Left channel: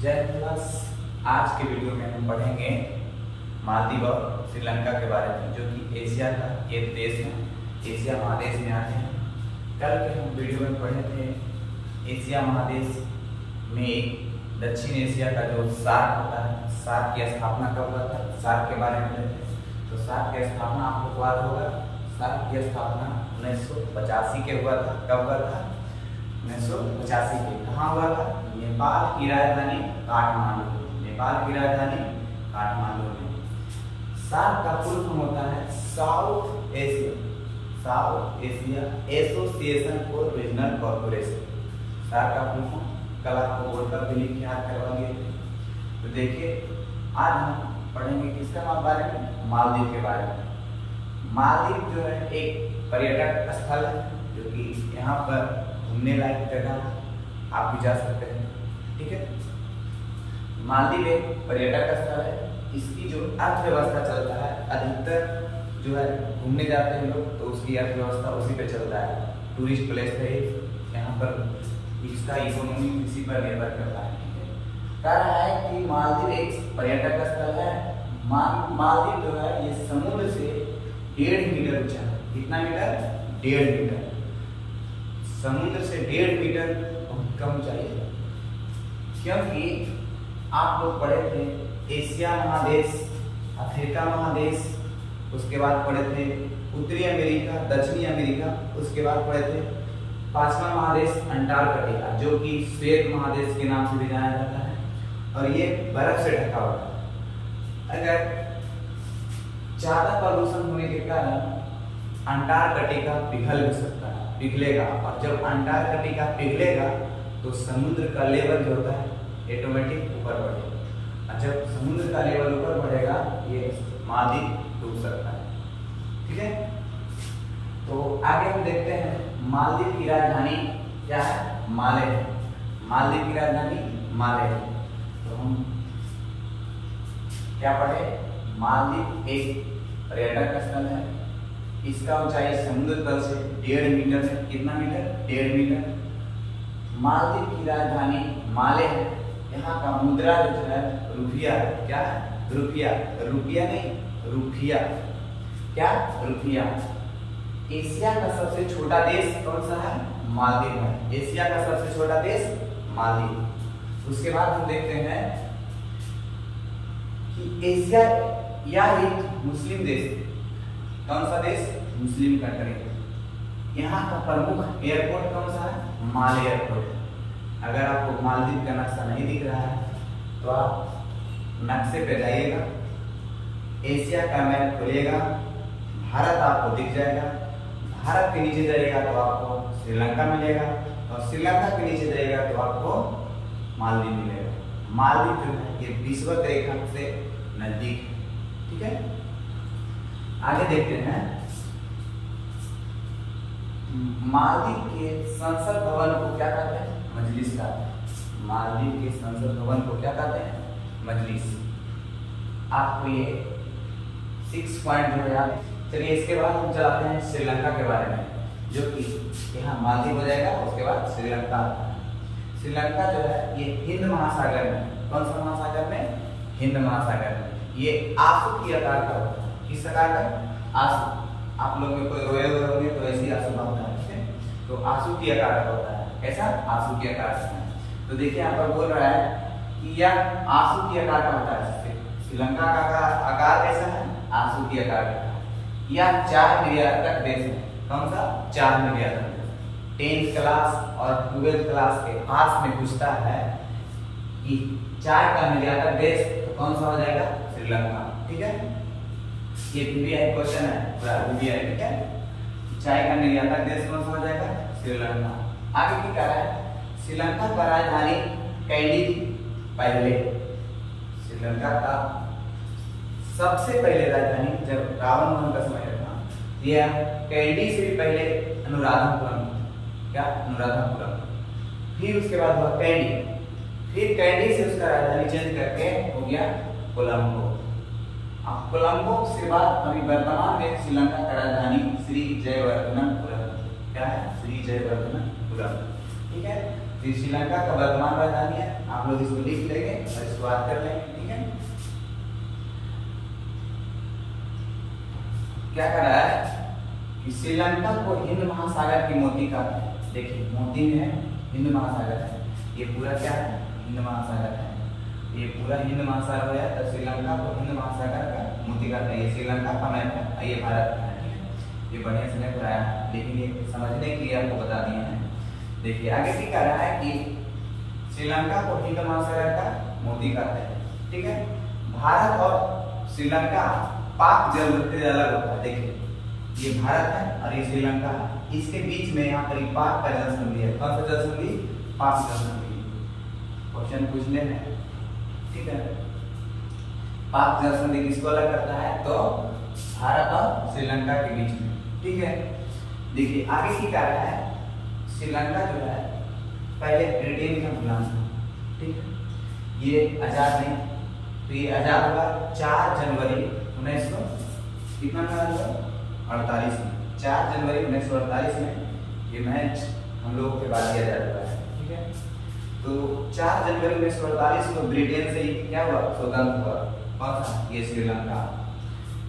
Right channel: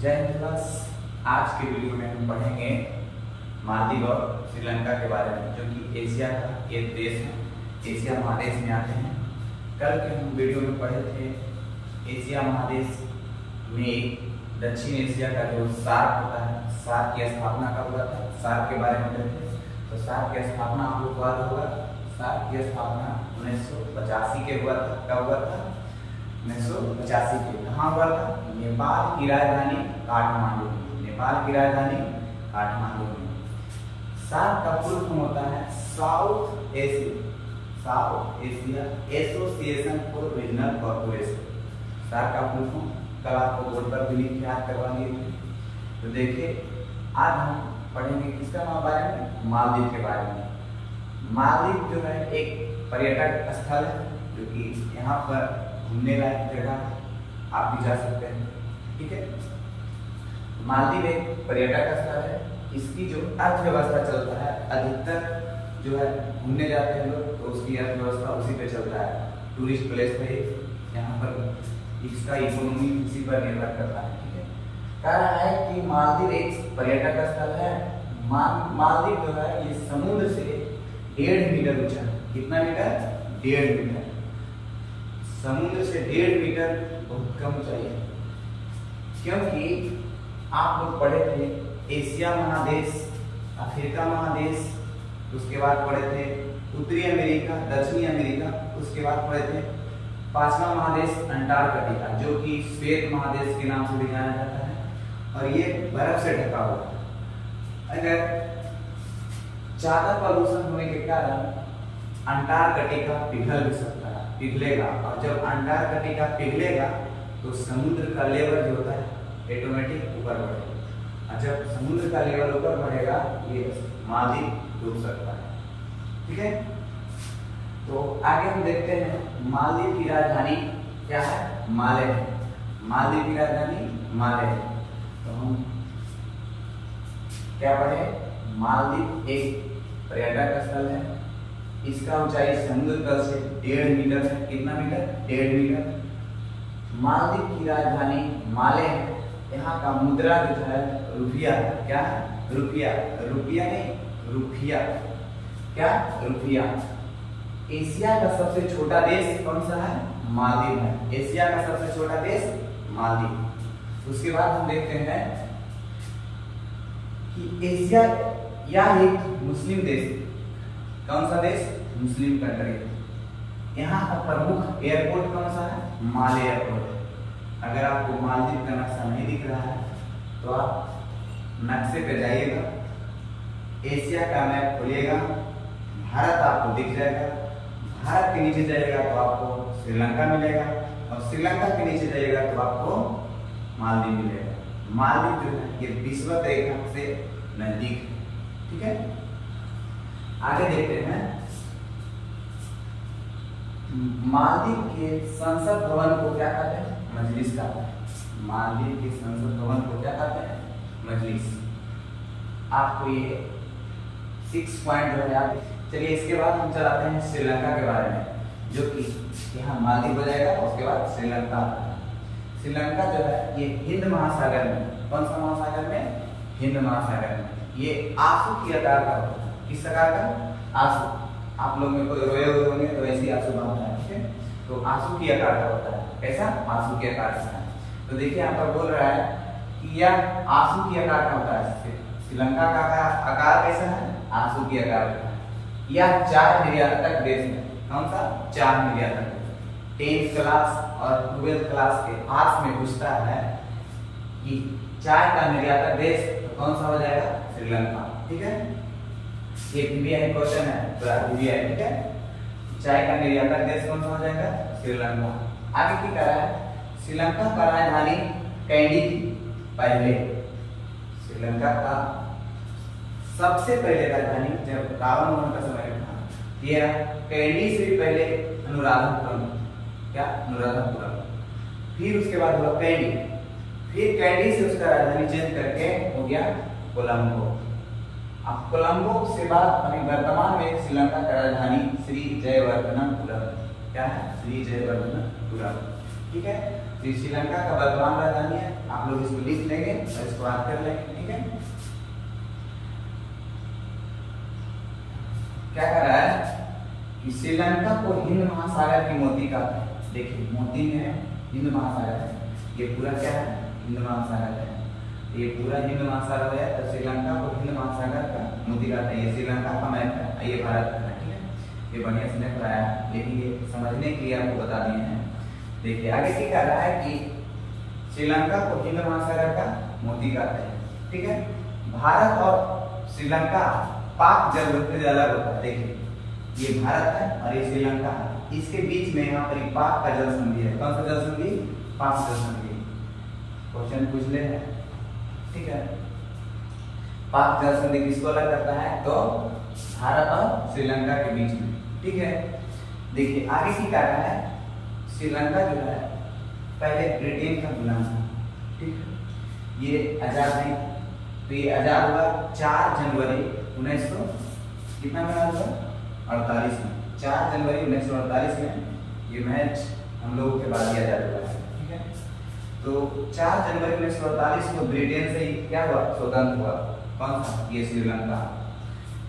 जय हिंद क्लास। आज के वीडियो में हम पढ़ेंगे मालदीव और श्रीलंका के बारे में, जो कि एशिया का एक देश है। एशिया महादेश में आते हैं। कल के हम वीडियो में पढ़े थे एशिया महादेश में दक्षिण एशिया का जो सार्क होता है, सार्क की स्थापना कब हुआ था, सार्क के बारे में पढ़े थे। तो सार्क की स्थापना आपको याद होगा, सार्क की स्थापना 1985 के हुआ था। कब हुआ था? 1985 के। कहाँ हुआ था? नेपाल की राजधानी काठमांडू। नेपाल की राजधानी काठमांडू में। सार्क का फुल फॉर्म होता है South Asia association for regional corporation. SAARC का फुल फॉर्म कल आपको बोर्ड पर भी लिख के याद करवाएंगे। तो देखिए, आज हम पढ़ेंगे किसके बारे में? मालदीव के बारे में। मालदीव जो है एक पर्यटक स्थल है, जो कि यहाँ पर घूमने लायक जगह आप भी जा सकते हैं। ठीक है, मालदीव एक पर्यटक स्थल है। इसकी जो अर्थव्यवस्था चलता है, अधिकतर जो है घूमने जाते हैं लोग, तो उसकी अर्थव्यवस्था उसी पे चलता है। टूरिस्ट प्लेस है यहाँ पर, इसका इकोनॉमी उसी पर निर्भर करता है। ठीक है, कह रहा है कि मालदीव एक पर्यटक स्थल है। मालदीव जो है ये समुद्र से 1.5 मीटर ऊंचा है। कितना मीटर? 1.5 मीटर। समुद्र से 1.5 मीटर बहुत कम ऊंचाई है, क्योंकि आप लोग पढ़े थे एशिया महादेश, अफ्रीका महादेश, उसके बाद पढ़े थे उत्तरी अमेरिका, दक्षिणी अमेरिका, उसके बाद पढ़े थे 5वां महादेश अंटार्कटिका, जो कि श्वेत महादेश के नाम से भी जाना जाता है, और ये बर्फ से ढका हुआ है। अगर ज्यादा प्रदूषण होने के कारण अंटार्कटिका पिघल भी सकता है, पिघलेगा। और जब अंटार्कटिका पिघलेगा तो समुद्र का लेवल जो होता है ऑटोमेटिक ऊपर बढ़ेगा, और जब समुद्र का लेवल ऊपर बढ़ेगा ये मालदीव डूब सकता है। ठीक है, तो आगे हम देखते हैं मालदीव की राजधानी क्या है? माले है। मालदीव की राजधानी माले है। तो हम क्या पढ़े? मालदीव एक पर्यटक स्थल है। इसका ऊंचाई समुद्र तल से 1.5 मीटर है। कितना मीटर? 1.5 मीटर। मालदीव की राजधानी माले है। यहाँ का मुद्रा जो है रुपया है। क्या? रुपया। रुपया नहीं, रुपया। क्या? रुपया। एशिया का सबसे छोटा देश कौन सा है? मालदीव है। एशिया का सबसे छोटा देश मालदीव। उसके बाद हम देखते हैं कि एशिया यह एक मुस्लिम देश है। कौन सा देश? Muslim country. यहाँ का प्रमुख एयरपोर्ट कौन सा है? माले एयरपोर्ट। अगर आपको मालदीव का नक्शा नहीं दिख रहा है तो आप नक्शे पे जाइएगा, एशिया का मैप खोलिएगा, भारत आपको दिख जाएगा। भारत के नीचे जाइएगा तो आपको श्रीलंका मिलेगा, और श्रीलंका के नीचे जाइएगा तो आपको मालदीव मिलेगा। मालदीव जो है ये विषुवत रेखा से नजदीक है। ठीक है, आगे देखते हैं। मालदीव के संसद भवन को क्या कहते हैं? मजलिस कहते हैं। मालदीव के संसद भवन को क्या कहते हैं? मजलिस। आपको ये 6 पॉइंट जो है आप चलिए, इसके बाद हम चलाते हैं श्रीलंका के बारे में, जो कि यहाँ मालदीव हो जाएगा, उसके बाद श्रीलंका आता है। श्रीलंका जो है ये हिंद महासागर में, कौन सा महासागर में? हिंद महासागर में। ये आंसू की आकार का होता है। किस आकार का? आंसू। आप लोग में कोई रोए हुए होंगे तो ऐसी आंसू बनता है। ठीक है, तो आंसू की आकार का होता है। ऐसा आंसू के आकार का है। तो देखिए यहाँ पर बोल रहा है कि यह आंसू की आकार का होता है। श्रीलंका का आकार कैसा है? आंसू की आकार का। यह 4 निर्यातक देश है। कौन सा? 4 निर्यातक देश। 10th क्लास और 12th क्लास के पास में पूछता है कि 4 का निर्यातक देश, तो कौन सा हो जाएगा? श्रीलंका। ठीक है, ये VVI क्वेश्चन है, पूरा VVI। ठीक है, 4 का निर्यातक देश कौन सा हो जाएगा? श्रीलंका। आगे की कह रहा है श्रीलंका का राजधानी कैंडी थी पहले। श्रीलंका का सबसे पहले राजधानी जब रावण वंश का समय था, यह कैंडी से भी पहले अनुराधापुरम। क्या? अनुराधापुरम। फिर उसके बाद हुआ कैंडी, फिर कैंडी से उसका राजधानी चेंज करके हो गया कोलंबो। अब कोलंबो से बाद अभी वर्तमान में श्रीलंका का राजधानी श्री जयवर्धनपुरम। क्या है? श्री जयवर्धनपुरम। ठीक है, श्रीलंका का वर्तमान राजधानी है आप लोग इसको लिख लेंगे और इसको बात कर लेंगे, ठीक है। क्या कर रहा है कि श्रीलंका को हिंद महासागर की मोती कहते हैं। देखिए मोती में है हिंद महासागर है, ये पूरा क्या है हिंद महासागर है, ये पूरा हिंद महासागर है, तो श्रीलंका को हिंद महासागर का मोती कहते हैं। ये श्रीलंका का मैप है, ये भारत का है, ठीक है। ये बढ़िया से नहीं पढ़ाया है, लेकिन ये समझने के लिए आपको बता दिए हैं। देखिए आगे क्या कह रहा है कि श्रीलंका को हिंद महासागर का मोती कहते हैं, ठीक है। भारत और श्रीलंका पाक जल से अलग होता है। देखिए ये भारत है और ये श्रीलंका है, इसके बीच में यहाँ पर पाक का जल संधि है। कौन सा जल संधि? पाक जल संधि। क्वेश्चन पूछ ले हैं, ठीक है। पाक जल संधि किसको अलग करता है? तो भारत और श्रीलंका के बीच में, ठीक है। देखिए आगे की कह रहा है श्रीलंका जो है पहले ब्रिटेन का गुलाम था, ठीक है। ये आजाद नहीं, तो ये आजाद हुआ 4 जनवरी 1948 में। 4 जनवरी 1948 में ये मैच हम लोगों के बाद दिया जा चुका है, ठीक है। तो 4 जनवरी 1948 को ब्रिटेन से क्या हुआ? स्वतंत्र हुआ। कौन सा? ये श्रीलंका।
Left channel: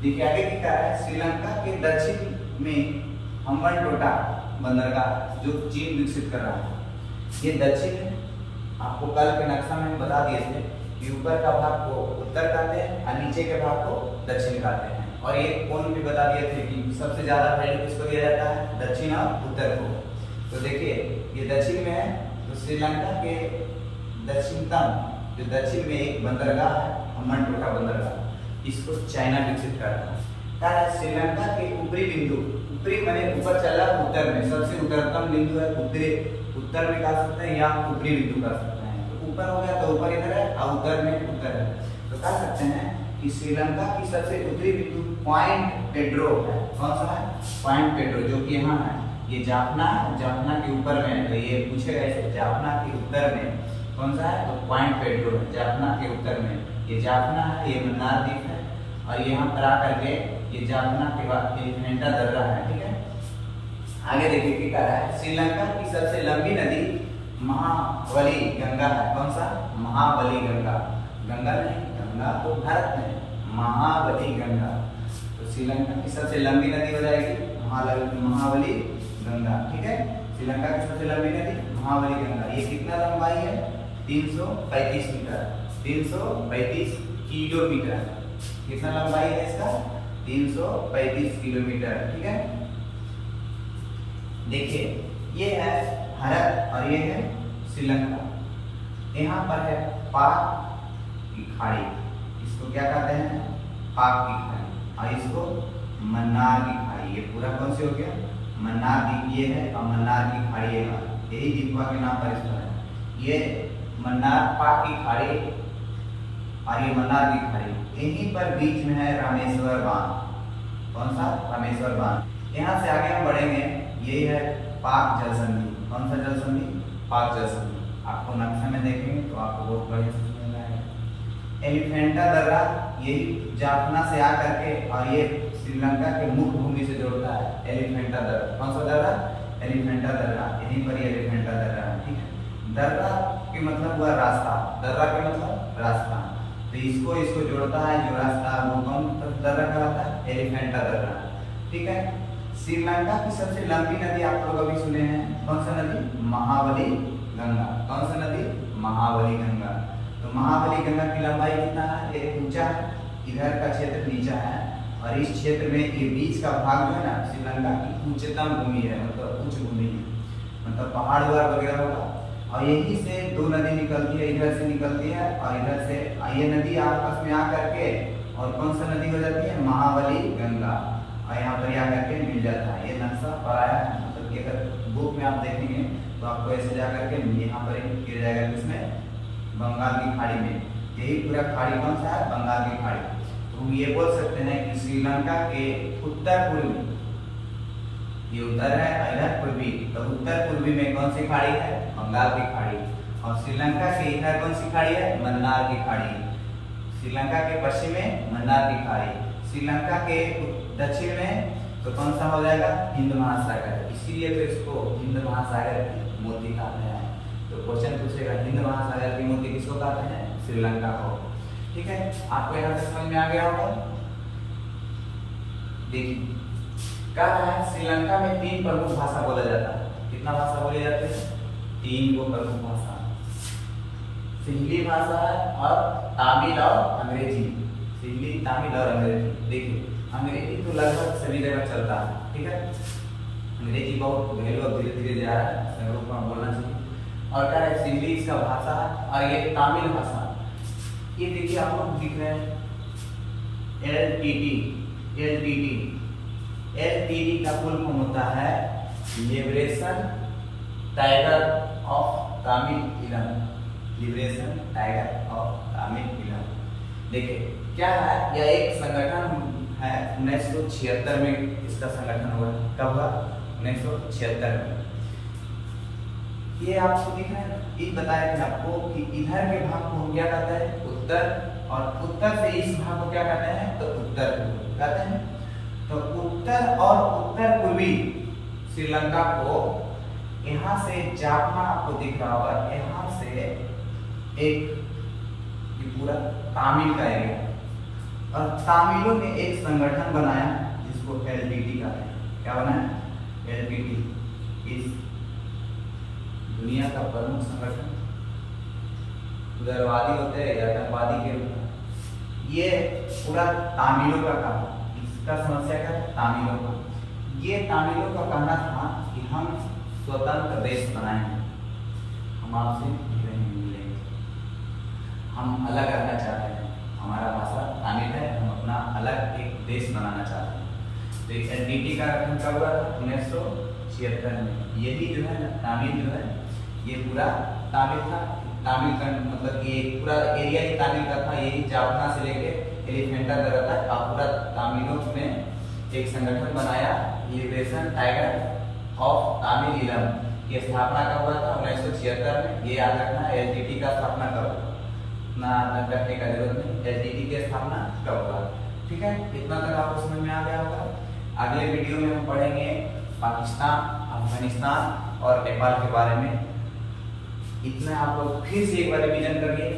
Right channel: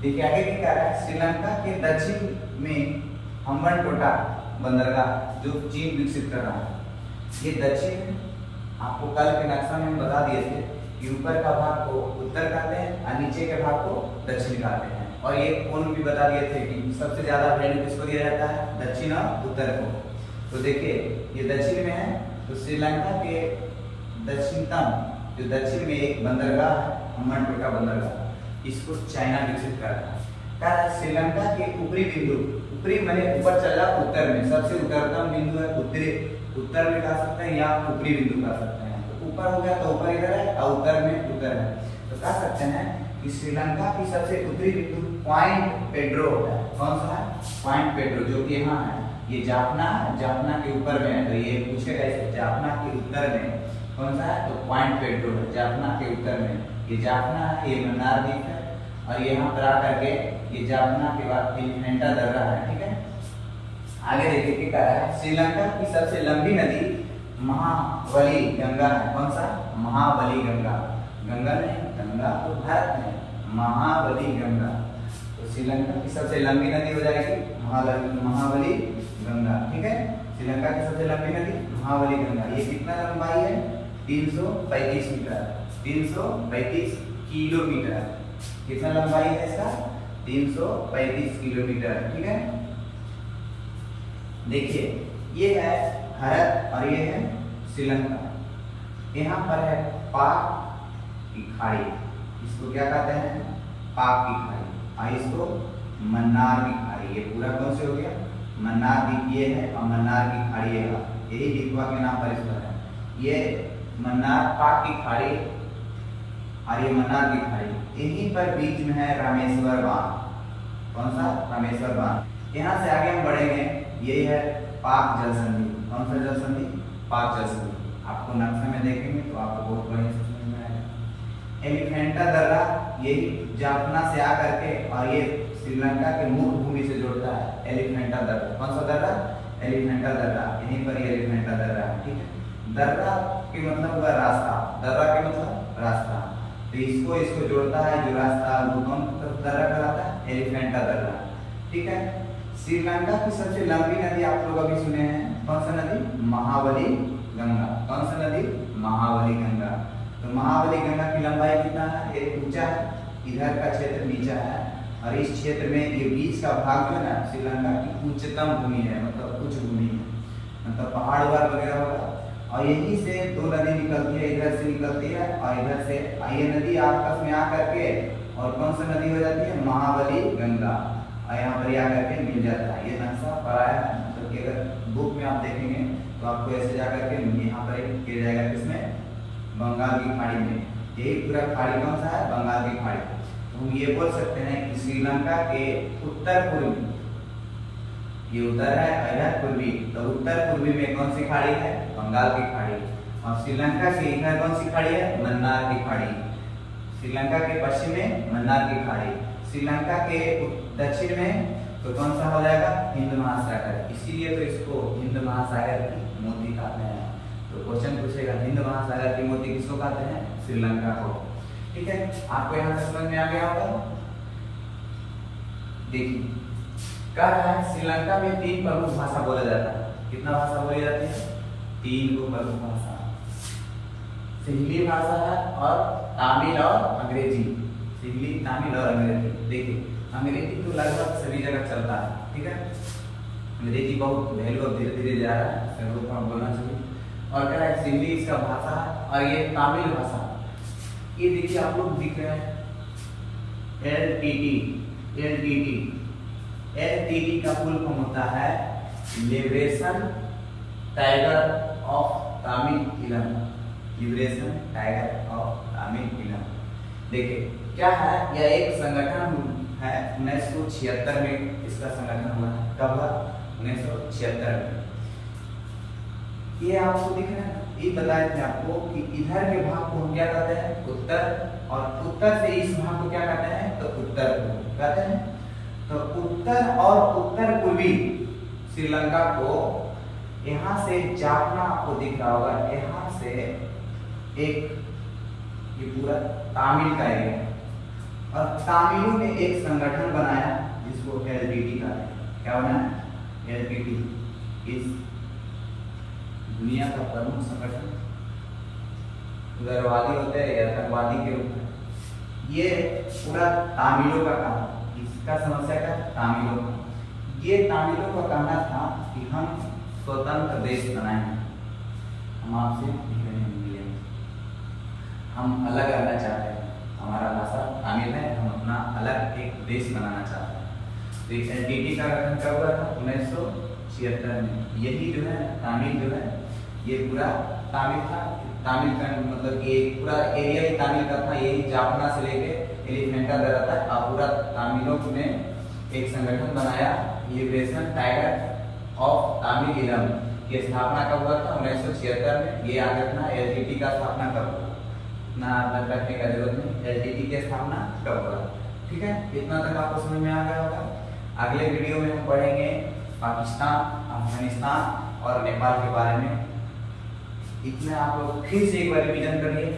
देखिए आगे क्या कह रहा है, श्रीलंका के दक्षिण में हम्बनटोटा बंदरगाह जो चीन विकसित कर रहा है, ये दक्षिण। आपको कल के नक्शा में हम बता दिए थे कि ऊपर का भाग को उत्तर कहते हैं और नीचे के भाग को दक्षिण कहते हैं। और ये कोण भी बता दिए थे कि सबसे ज्यादा वैल्यू किसको दिया जाता है? दक्षिण और उत्तर को। तो देखिए ये दक्षिण में है, तो श्रीलंका के दक्षिणतम जो दक्षिण में एक बंदरगाह है हम्बनटोटा बंदरगाह, इसको चाइना विकसित कर रहा है। कह रहा है श्रीलंका के ऊपरी बिंदु, ऊपरी माने ऊपर चला उत्तर में, सबसे उत्तरतम बिंदु है उत्तर में कह सकते हैं या ऊपरी बिंदु कह सकते हैं। तो ऊपर हो गया तो ऊपर इधर है और उत्तर में उत्तर है, तो कह सकते हैं कि श्रीलंका की सबसे उत्तरी बिंदु पॉइंट पेड्रो है। कौन सा है? पॉइंट पेड्रो, जो कि यहाँ है। ये जाफना है, जाफना के ऊपर में है, तो ये पूछेगा इसे जाफना के उत्तर में कौन सा है? तो पॉइंट पेड्रो है जाफना के उत्तर में। ये जाफना है, ये मन्नार द्वीप है, और यहाँ पर आकर के ये जाफना के बाद एलिफेंटा दर्रा है, ठीक है। आगे देखिए क्या कह रहा है, श्रीलंका की सबसे लंबी नदी महाबली गंगा है। कौन सा? महाबली गंगा। गंगा नहीं, गंगा तो भारत में, महाबली गंगा। तो श्रीलंका की सबसे लंबी नदी हो जाएगी महाबली गंगा, ठीक है। श्रीलंका की सबसे लंबी नदी महाबली गंगा। ये कितना लंबाई है? 335 मीटर, 335 किलोमीटर। कितना लंबाई है इसका? 335 किलोमीटर, ठीक है। देखिए ये है भारत और ये है श्रीलंका। यहाँ पर है पाक की खाड़ी, इसको क्या कहते हैं? पाक की खाड़ी। और इसको मन्नार की खाड़ी। ये पूरा कौन से हो गया? मन्नार द्वीप ये है और मन्नार की खाड़ी है, यही द्वीपवा के नाम पर इसका है। ये मन्नार पाक की खाड़ी और ये मन्नार की खाड़ी, इन्हीं पर बीच में है रामेश्वर बांध। कौन सा? रामेश्वर बांध। यहाँ से आगे हम बढ़ेंगे, यही है पाक जल संधि। कौन सा जल संधि? पाक जल संधि। आपको नक्शे में देखेंगे तो आपको बहुत बढ़िया से समझ में आएगा। एलिफेंटा दर्रा यही जाफना से आकर के और ये श्रीलंका के मुख्य भूमि से जोड़ता है। एलिफेंटा दर्रा। कौन सा दर्रा? एलिफेंटा दर्रा, यहीं पर ये एलिफेंटा दर्रा है, ठीक है। दर्रा के मतलब हुआ रास्ता, दर्रा के मतलब रास्ता, तो इसको जोड़ता है जो रास्ता, वो कौन दर्रा कहलाता है? एलिफेंटा दर्रा, ठीक है। श्रीलंका की सबसे लंबी नदी आप लोग अभी सुने हैं, कौन सा नदी? महाबली गंगा। कौन सा नदी? महाबली गंगा। तो महाबली गंगा की लंबाई कितना है? ये ऊंचा है, इधर का क्षेत्र नीचा है, और इस क्षेत्र में ये बीच का भाग जो है ना, श्रीलंका की उच्चतम भूमि है, मतलब उच्च भूमि है, मतलब पहाड़ वगैरह होगा। और यहीं से दो नदी निकलती है, इधर से निकलती है और इधर से, ये नदी आपस में आकर के और कौन सा नदी हो जाती है? महाबली गंगा, और यहाँ पर आकर के मिल जाता है। ये नक्शा पढ़ाया है, मतलब कि अगर बुक में आप देखेंगे तो आपको ऐसे जाकर के यहाँ पर गिर जाएगा, किसमें? बंगाल की खाड़ी में। यही पूरा खाड़ी कौन सा है? बंगाल की खाड़ी। तो हम ये बोल सकते हैं कि श्रीलंका के उत्तर पूर्वी, ये उत्तर है, इधर पूर्वी, तो उत्तर पूर्वी में कौन सी खाड़ी है? बंगाल की खाड़ी। और श्रीलंका के इधर कौन सी खाड़ी है? मन्नार की खाड़ी। श्रीलंका के पश्चिम में मन्नार की खाड़ी, श्रीलंका के दक्षिण में तो कौन सा हो जाएगा? हिंद महासागर। इसीलिए तो इसको हिंद महासागर की मोती कहते हैं। तो क्वेश्चन पूछेगा हिंद महासागर की मूर्ति किसको कहते हैं? श्रीलंका को। ठीक है, आपको यहाँ तक समझ में आ गया होगा। देखिए कह रहा है श्रीलंका में 3 प्रमुख भाषा बोला जाता है। कितना भाषा बोली जाती है? 3 को प्रमुख भाषा, सिंहली भाषा और तमिल और अंग्रेजी। सिंहली, तमिल और अंग्रेजी। देखिए अंग्रेजी तो लगभग सभी जगह चलता है, ठीक है। अंग्रेजी बहुत वैल्यू अब धीरे धीरे जा रहा है, सब लोग को बोलना चाहिए। और क्या है, सिंहली इसका भाषा और ये तमिल भाषा। ये देखिए आप लोग दिख रहे हैं एलटीटी का फुल फॉर्म होता है liberation tiger of Tamil. Liberation tiger of Tamil. देखिए क्या है, यह एक संगठन है। 1976 में इसका संगठन हुआ। कब हुआ? 1976 में। ये आपको दिख रहा है, ये बताया था आपको कि इधर के भाग को हम क्या कहते हैं? उत्तर, और उत्तर से इस भाग को क्या कहते हैं? तो उत्तर कहते हैं। तो उत्तर और उत्तर पूर्वी श्रीलंका को यहाँ से जाफना आपको दिख रहा होगा, यहाँ से एक ये पूरा तमिल का एरिया है। और तमिलों ने एक संगठन बनाया जिसको एलटीटी कहते हैं। क्या बनाया? एलटीटी। इस दुनिया का प्रमुख संगठन, उग्रवादी होते हैं या आतंकवादी के रूप में। ये पूरा तमिलों का काम, इसका समस्या क्या है? तमिलों का। ये तमिलों का कहना था कि हम स्वतंत्र देश बनाएंगे, हम आपसे मिलेंगे, हम अलग करना चाहते हैं, हमारा भाषा तमिल है, हम अपना अलग एक देश बनाना चाहते हैं। तो एलटीटी का गठन कब हुआ था? 1976 में। यही जो है तमिल जो है ये पूरा तमिल था। तमिल का मतलब ये पूरा एरिया ही तमिल का था। यही जाफना से लेके एलिफेंटा तक था। और पूरा तमिलों ने एक संगठन बनाया लिबरेशन टाइगर ऑफ तमिल। ये स्थापना कब हुआ था? 1976 में। ये याद रखना, एलटीटी का स्थापना कब हुआ, ना रखने का जरूरत नहीं, एलटीटी की स्थापना कब हुआ। ठीक है, इतना तक आपको समझ में आ गया होगा। अगले वीडियो में हम पढ़ेंगे पाकिस्तान, अफगानिस्तान और नेपाल के बारे में। इतना आप लोग फिर से एक बार रिवीजन करिए।